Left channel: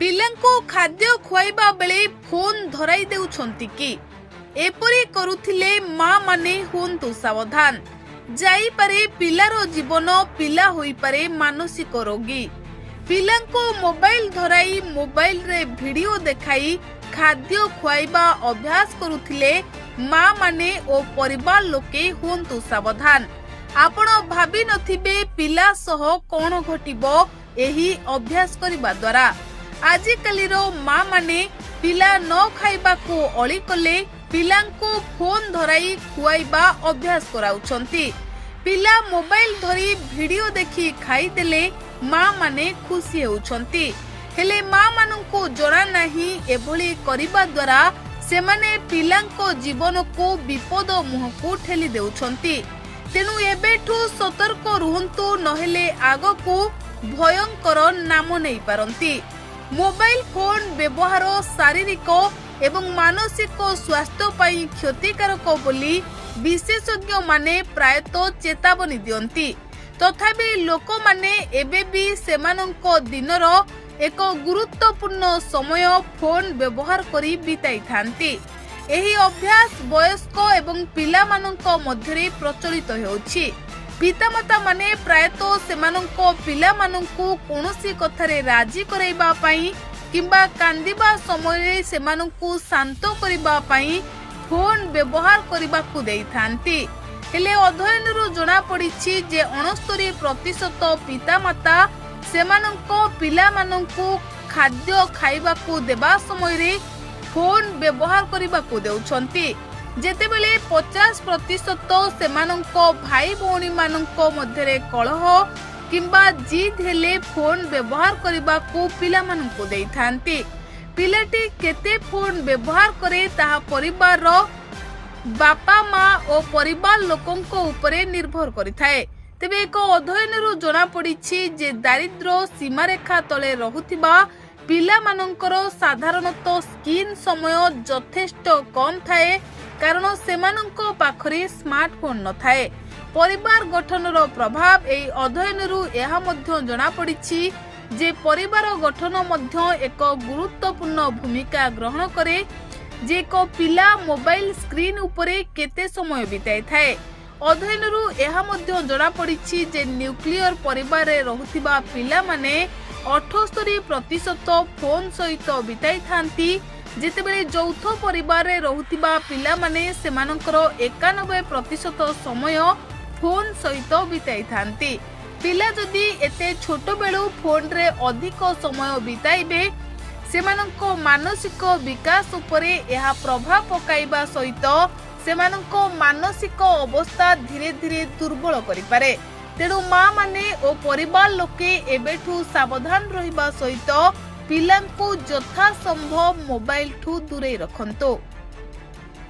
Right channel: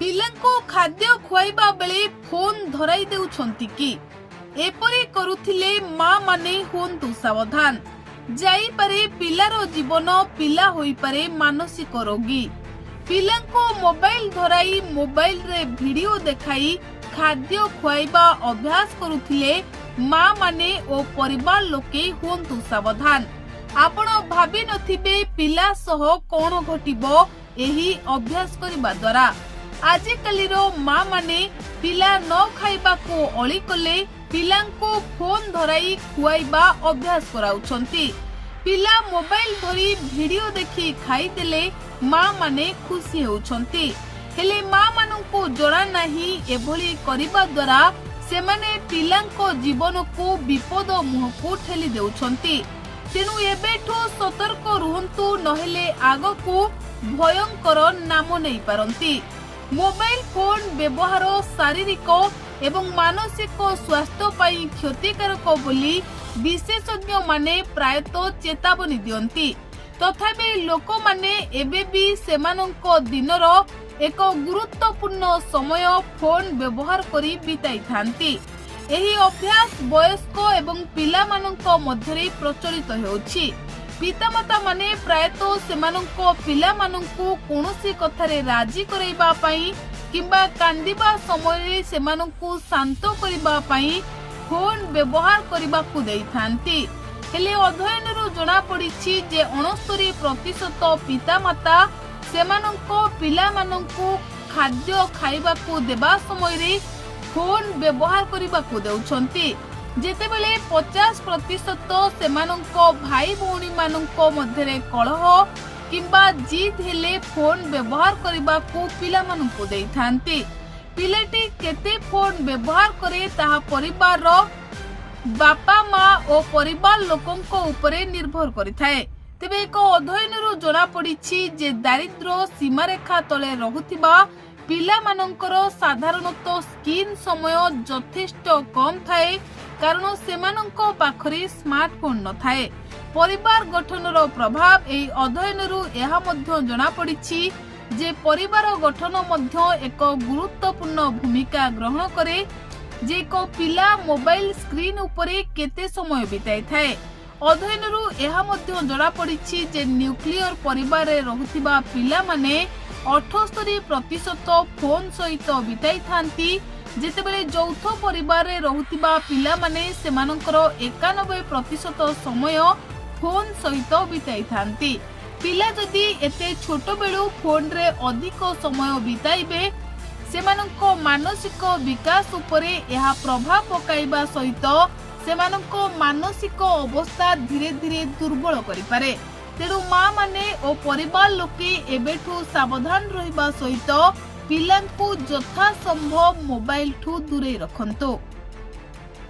ପିଲାଙ୍କୁ ଖାଦ୍ୟ ଖୁଆଇବା ବେଳେ ଫୋନ୍ ଧରାଇ ଦେଉଛନ୍ତି କି? ଏପରି କରୁଥିଲେ ମା ମାନେ ହୁଅନ୍ତୁ ସାବଧାନ। ଯାଇପାରେ ପିଲାର ଜୀବନ, ପିଲା ହୋଇପାରେ ମାନସିକ ରୋଗୀ। ପିଲାଙ୍କୁ ମୋବାଇଲ ଧରାଇ ମୋବାଇଲରେ ଭିଡିଓ ଦେଖାଇ ଖାଦ୍ୟ ଖୁଆଇବା ଅଭ୍ୟାସ କରୁଥିଲେ ମା ମାନେ ଓ ପରିବାର ଲୋକେ ହୁଅନ୍ତୁ ସାବଧାନ। ଆପଣ ଭାବି ନଥିବେ ପିଲା ସହ କଣ ଘଟିବ ଏହି ଅଭ୍ୟାସ କରିବା ଦ୍ୱାରା। ଆଜିକାଲିର ମା ମାନେ ପିଲା ନ ଖାଇବାକୁ ଅଳି କଲେ ପିଲାଙ୍କୁ ଫୋନ୍ ଧରାଇ ଖୁଆଇବା ଅଭ୍ୟାସ କରାଉଛନ୍ତି। ପିଲା ମୋବାଇଲ ଧରି ଭିଡିଓ ଦେଖି ଖାଇଦେଲେ ମା ମାନେ ଖୁସି ହେଉଛନ୍ତି। ହେଲେ ମା ମାନଙ୍କୁ ଜଣା ନାହିଁ ଏଭଳି କରିବା ଦ୍ୱାରା ସେମାନେ ପିଲାଙ୍କ ଜୀବନକୁ ବିପଦ ମୁହଁକୁ ଠେଲି ଦେଉଛନ୍ତି। ତେଣୁ ଏବେଠୁ ସତର୍କ ରୁହନ୍ତୁ, ନହେଲେ ଆଗକୁ ଭୟଙ୍କର ନାମ ନେଇପାରନ୍ତି। ମୋବାଇଲ ଫୋନ୍ ବ୍ୟବହାର ଶାରୀରିକ ଏବଂ ମାନସିକ ସ୍ୱାସ୍ଥ୍ୟ ପାଇଁ କ୍ଷତିକାରକ ବୋଲି ବିଶେଷଜ୍ଞ ମାନେ ପ୍ରାୟତଃ ଚେତାବନୀ ଦିଅନ୍ତି। ତଥାପି ଲୋକମାନେ ଏବେ ବି ସେମାନଙ୍କ ଦିନର ଏକ ଗୁରୁତ୍ୱପୂର୍ଣ୍ଣ ସମୟ ଫୋନ୍ ବ୍ୟବହାର କରି ବିତାଇଥାନ୍ତି। ଏହି ଅଭ୍ୟାସ ବୟସ୍କ ଏବଂ ପିଲାମାନଙ୍କ ମଧ୍ୟରେ ପ୍ରଚଳିତ ହେଉଛି। ପିତାମାତା ମାନେ ପ୍ରାୟତଃ ସେମାନଙ୍କ ପିଲାମାନଙ୍କୁ କୌଣସି କଥାରେ ରାଜି କରାଇବା ପାଇଁ କିମ୍ବା କାନ୍ଦିବା ସମୟରେ ସେମାନଙ୍କୁ ଶାନ୍ତ କରିବା ପାଇଁ ଫୋନ୍ ବ୍ୟବହାର କରିବାକୁ ଦେଇଥାନ୍ତି। ହେଲେ ଅଧ୍ୟୟନରୁ ଜଣାପଡ଼ିଛି ଯେ 69% ପିତାମାତା ସେମାନଙ୍କ ପିଲାମାନଙ୍କୁ ଖାଦ୍ୟ ଖାଇବାକୁ ଦେବା ସମୟରେ ଫୋନ୍ ବ୍ୟବହାର କରିବାକୁ ଦେଉଛନ୍ତି। ଯେତେବେଳେ 50% ସେମାନଙ୍କ ଭାଇ ଭଉଣୀ ମାନଙ୍କ ମଧ୍ୟରେ କଳହ କିମ୍ବା ଜିଦ୍ ହେଲେ ଫୋନ୍ ବ୍ୟବହାର କରିବାକୁ ପିଲାମାନଙ୍କୁ ଦେଇଥାନ୍ତି। ପିଲାଟି କେତେ ଫୋନ୍ ବ୍ୟବହାର କରେ ତାହା ପରିବାରର ବାପା ମା ଓ ପରିବାର ଲୋକଙ୍କ ଉପରେ ନିର୍ଭର କରିଥାଏ। ତେବେ ଏକ ଅଧ୍ୟୟନରୁ ଜଣାପଡ଼ିଛି ଯେ ଦାରିଦ୍ର୍ୟ ସୀମାରେଖା ତଳେ ରହୁଥିବା ପିଲାମାନଙ୍କର ସାଧାରଣତଃ ସ୍କ୍ରିନ୍ ସମୟ ଯଥେଷ୍ଟ କମ୍ ଥାଏ, କାରଣ ସେମାନଙ୍କ ପାଖରେ ସ୍ମାର୍ଟଫୋନ୍ ନଥାଏ। ପରିବାର ଗଠନର ପ୍ରଭାବ। ଏହି ଅଧ୍ୟୟନରୁ ଏହା ମଧ୍ୟ ଜଣାପଡ଼ିଛି ଯେ ପରିବାର ଗଠନ ମଧ୍ୟ ଏକ ଗୁରୁତ୍ୱପୂର୍ଣ୍ଣ ଭୂମିକା ଗ୍ରହଣ କରେ ଯେ ଏକ ପିଲା ମୋବାଇଲ ସ୍କ୍ରିନ୍ ଉପରେ କେତେ ସମୟ ବିତାଇଥାଏ। ଅଧ୍ୟୟନରୁ ଏହା ମଧ୍ୟ ଜଣାପଡ଼ିଛି ଯେ ନ୍ୟୁକ୍ଲିୟର ପରିବାରରେ ରହୁଥିବା ପିଲାମାନେ 78% ଫୋନ୍ ସହିତ ବିତାଇଥାନ୍ତି, ଯେତେବେଳେ ଯୌଥ ପରିବାରରେ ରହୁଥିବା ପିଲାମାନେ ସେମାନଙ୍କର 91% ସମୟ ଫୋନ୍ ସହିତ ବିତାଇଥାନ୍ତି। ପିଲା ଯଦି ଏତେ ଛୋଟ ବେଳୁ ଫୋନ୍ରେ ଅଧିକ ସମୟ ବିତାଇବେ, ସେମାନଙ୍କ ମାନସିକ ବିକାଶ ଉପରେ ଏହା ପ୍ରଭାବ ପକାଇବା ସହିତ ସେମାନଙ୍କ ମାନସିକ ଅବସ୍ଥା ଧୀରେ ଧୀରେ ଦୁର୍ବଳ କରିପାରେ। ତେଣୁ ମା ମାନେ ଓ ପରିବାର ଲୋକେ ଏବେଠୁ ସାବଧାନ ରହିବା ସହିତ ପିଲାଙ୍କୁ ଯଥାସମ୍ଭବ ମୋବାଇଲଠୁ ଦୂରେଇ ରଖନ୍ତୁ।